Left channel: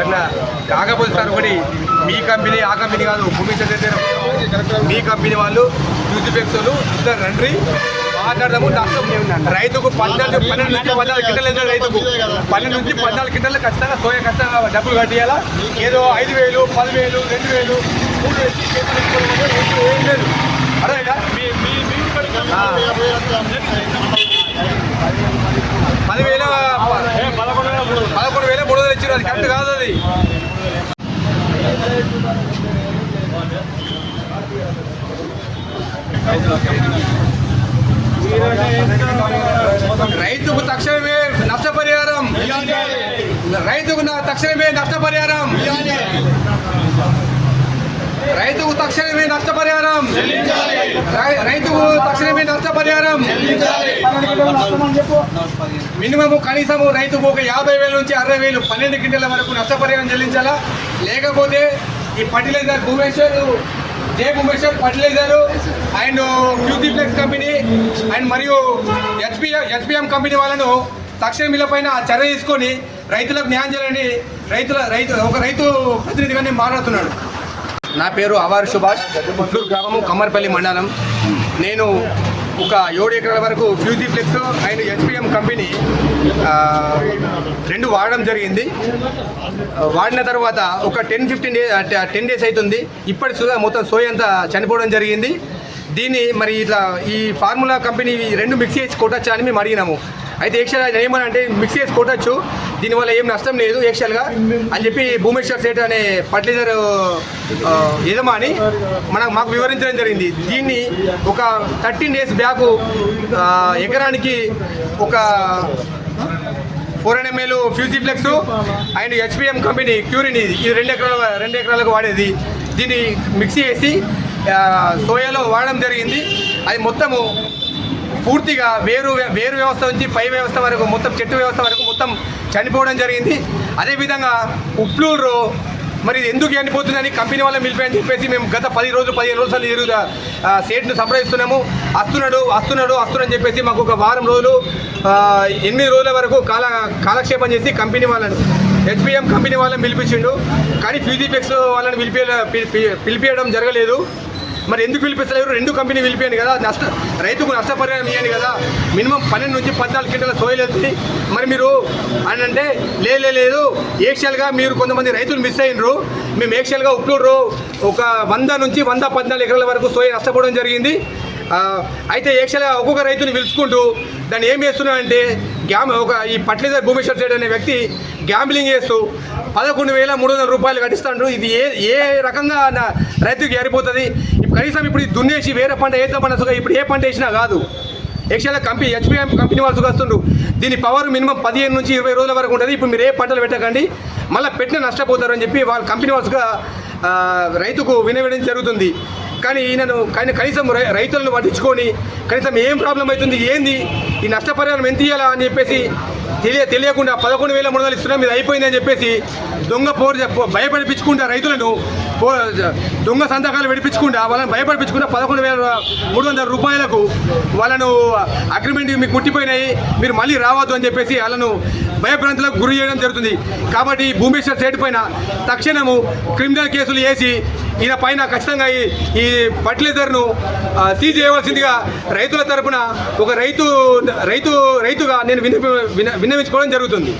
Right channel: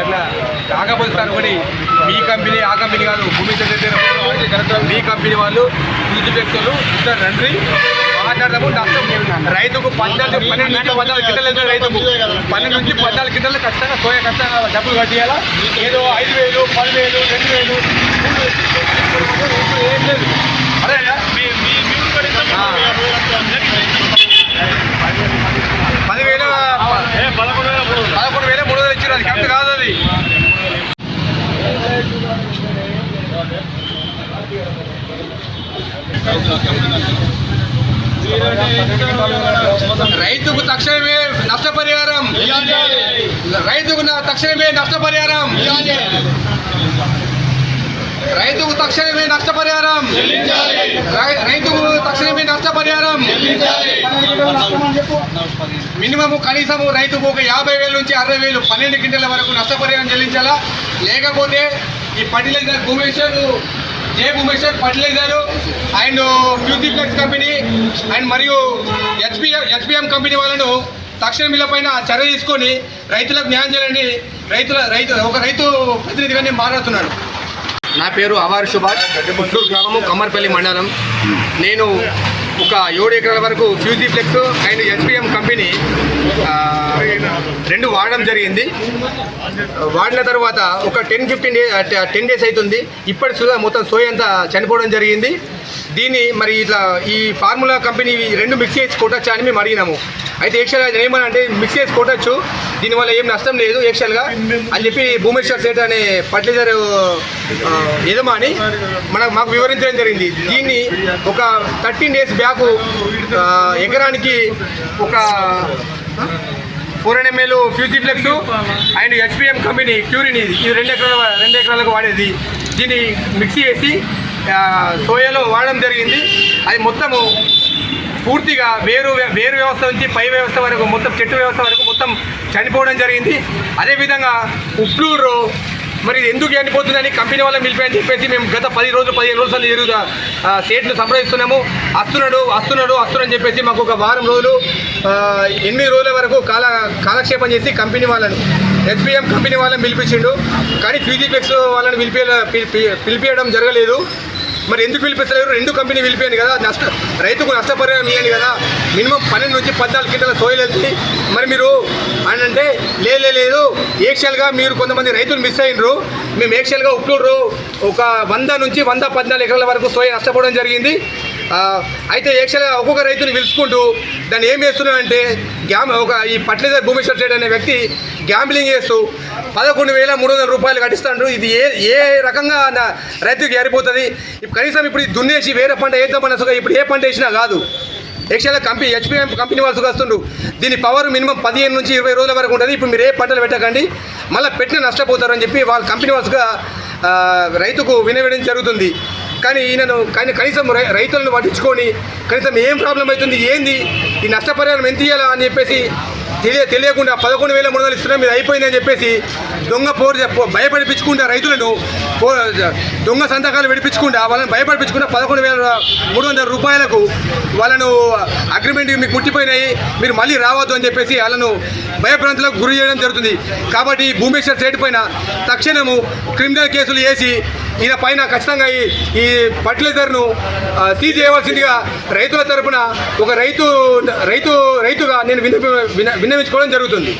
అట్లా కాకపోతే సార్ ఒకటి మీ కంపెనీ ఆ కంపెనీ కాదు భూమి మీ కంపెనీ వాళ్ళు యూజ్ వ్యక్తులు ఇద్దరు రండి. మాట్లాడదాము నష్టం రైతుకు పన్నెండు పన్నెండు నుంచి పద్నాలుగు వెళ్తుంది రైతుకు. పన్నెండు నుంచి పద్నాలుగు కింటలు ఖచ్చితంగా సోయ ఖచ్చితంగా డబ్బులు కట్టియాలా? ఏదో ఐదు వేలు పదివేలు రెండు వేలు మూడు వేలు ఏం లేదు. అదేగా ఆ. పదివేల పదకొండు వేల మూడు వేలు ఇచ్చారు అది కరెక్ట్ కాదు అది రైతుకు తక్షణమే నష్టపరిహారం. రైతుకు తక్షణమే నష్టపరిహారం. రైతుకు తక్షణమే నష్టపరిహారం. రైతుకు తక్షణమే నష్టపరిహారం. మినిమం కనీసము రైతుకు ఒక యాభై వేల నుంచి అరవై వేలు పన్నెండు క్వింటల వరకు నష్టపరిహారం చెల్లించాలా? లేకపోతే ఈ fertilizer Bhumeshwar J Bhumeshwar fertilizer and Fujiflex company and మరియు హెచ్పిఎం హెచ్పిఎం కంపెనీ వాళ్ళను తక్షణ మిల్ల పైన చర్య తీసుకొని రైతులకు న్యాయం చేయాలని రైతుల రైతు ఒక రైతు ప్రతినిధిగా నేను మాట్లాడుతున్నాను నా పేరు అవార్ సుభాష్ పుత్తూరు గ్రామము కమ్మర్పల్లి మండలం. నేను ఒక ఏడు ఎకరాల వరకు ఫ్యూజిఫ్లెక్స్ అండ్ ఎస్పిఎం కంపెనీ రెండు వాడడం జరిగింది. వాడిన తర్వాత ఒక ten fifteen day ten days అవుతుంది ఇప్పటి సుధా మొత్తం సోయ అంతా చనిపోవడం జరిగింది. దీన్ని మరి ఇట్లా ఈ ఫార్ములా కంపెనీ రెండు మిక్స్ చేసి కొట్టచ్చా అని మేము అడిగినాము. అయితే యాక్చువల్గా ఏమని అంటే మిక్స్ చేసి కొట్టచ్చు దీనివల్ల ఏం నష్టం లేదు యాక్చువల్గా అని చెప్పి భూమేశ్వర్ సేట్ అనే ఫర్టిలైజర్ యజమాని మన మాకు వివరించడం జరిగింది. దీన్ని ఒక థర్టీన్ డేస్ బ్యాక్ ఎకరానికి ఒక four ML Fujiflex and HPM company క్యూరిన్ ఇది. ఇది రెండు ఎకరాల రెండు ఎకరాలకు వాడేది. దీన్ని మిక్సీ వేసి సోయాలో వాడడం జరిగింది. అది మొత్తము పూర్తిగా వేరు వేరు వ్యవస్థ నుంచి పై వ్యవస్థ వరకు మొత్తం చెట్టు వ్యవస్థ వరకు మొత్తం చనిపోవడం జరిగింది. అదేవిధంగా ఉప్లూరు మరి ఇది ఎందుకు చనిపోతుందని కంపెనీ వాళ్ళని పిలిపాయని చెప్పేసి మేము గత పది రోజులు పదిహేను రోజులు తిరుగుతా సేట్ను సంప్రదిస్తున్నాము. వస్తున్నాడు వస్తున్నాడు వస్తున్నాడని చెప్పేసి మాకు ఒక వారం రోజులు ఎనిమిది రోజుల వరకు కాల కాలక్షేపం చేసి కంపెనీ వాళ్ళను ఎస్బిఎం కంపెనీ వాళ్ళని పిలిపించిండు. కానీ ఫిజిఫెక్స్ వాళ్ళని పిలిపి- పిలిపించడం జరగలేదు. మరి ఎందుకు పిలిపిస్తారు రెండు కంపెనీ పిలిపాను కదా నష్ట రైతుకు నష్టపరిహారం ఇవ్వండి కదా. మినిమం పన్నెండు నుంచి పద్నాలుగు కింటల సోయలు వెళ్తుంది మరి మీరు అని అంటే లే లే, లేదు ఏక్షల్గా మీరు కొంతమంది రైతులు మిస్ అయినరు. మేము ఏక్షల్గా ఉప్లూరు ఒక వంద నుంచి వంద పద్నాలుగు ఎకరాల వరకు సోయ నష్టపోవడం జరిగింది. అయితే ఏక్షల్గా ఒక్కొక్క రైతుని పిలుచుకుంటూ దాన్ని ఏం చేస్తున్నాడంటే గ్యామ్ ఒక ఈ పట్లేదర్ భూమేశ్వర్ సైడ్ అనే వ్యక్తి గ్యాంబ్లింగ్ చేస్తూ పదకొండు వేల మూడు వందల రూపాయలు కట్టిస్తాడు. ఇది ఏ ఏ రకంగా నా రైతుకి ఏరిపోతుంది ఇప్పుడు కనీసం ఇప్పుడు దున్నేసి వేరే పంట వేద్దామన్న సుఖం ఇప్పుడు ఏ పంట వేసినా కాదు. ఎక్స్ట్రా కంపెనీ హెచ్పిఎం కంపెనీ వాళ్ళు వస్తుండ్రు దీని పవర్ మినిమం పదిహేను నుంచి ఇరవై రోజుల వరకు ఉంటుంది. ఇప్పుడు మీరు ఏ పంటలు పెట్టకండి మళ్ళీ పెట్టిన నష్టపోతారని చెప్పి వాళ్ళ కంపెనీ వాళ్ళుగా రైతుకు వినవేయడం జరుగుతుంది. కానీ ఈయనను కానీ కనీసం రై- రైతులను పట్టించుకొని కనీసం ఏం ప్రాబ్లం అవుతుంది? ఏంది? ఈ నష్టపరిహారం ఎంత ఇవ్వాలా అని చెప్పేసి తెలియ తెలియకుండా పదకొండు వేల మూడు వందలు ఇస్తున్నాం ఇది అయిపోయిందని చెప్పేసి దొంగ పోరు భయపడిపించుకుంటా రైతులను పో దొంగ సంతకాలు విడిపించకుండా వాళ్ళని భయపడిపించుకుంటా పదకొండు వేల మూడు వందల రూపాయలకు వాళ్ళను అగ్రిమెంట్ మీకు ముట్టిపోయినాయి మీరు మళ్ళీ రావద్దు అని చెప్పేసి వాళ్ళను భయభ్రాంతులకు గురి చేయడం జరుగుతుంది. కాబట్టి భూమేశ్వర్ సైడ్ పైన తక్షణము క్రిమినల్ కేసులు వేసి ఈయన పైన ఖచ్చితంగా ఈ ఈ ఫర్టిలైజర్ను సీజ్ చేయవలసిందిగా రైతుల తరపున ఒక రైతు రైతు రైతుగా నేను విన్న విన్నవించుకోవడం జరుగుతుంది.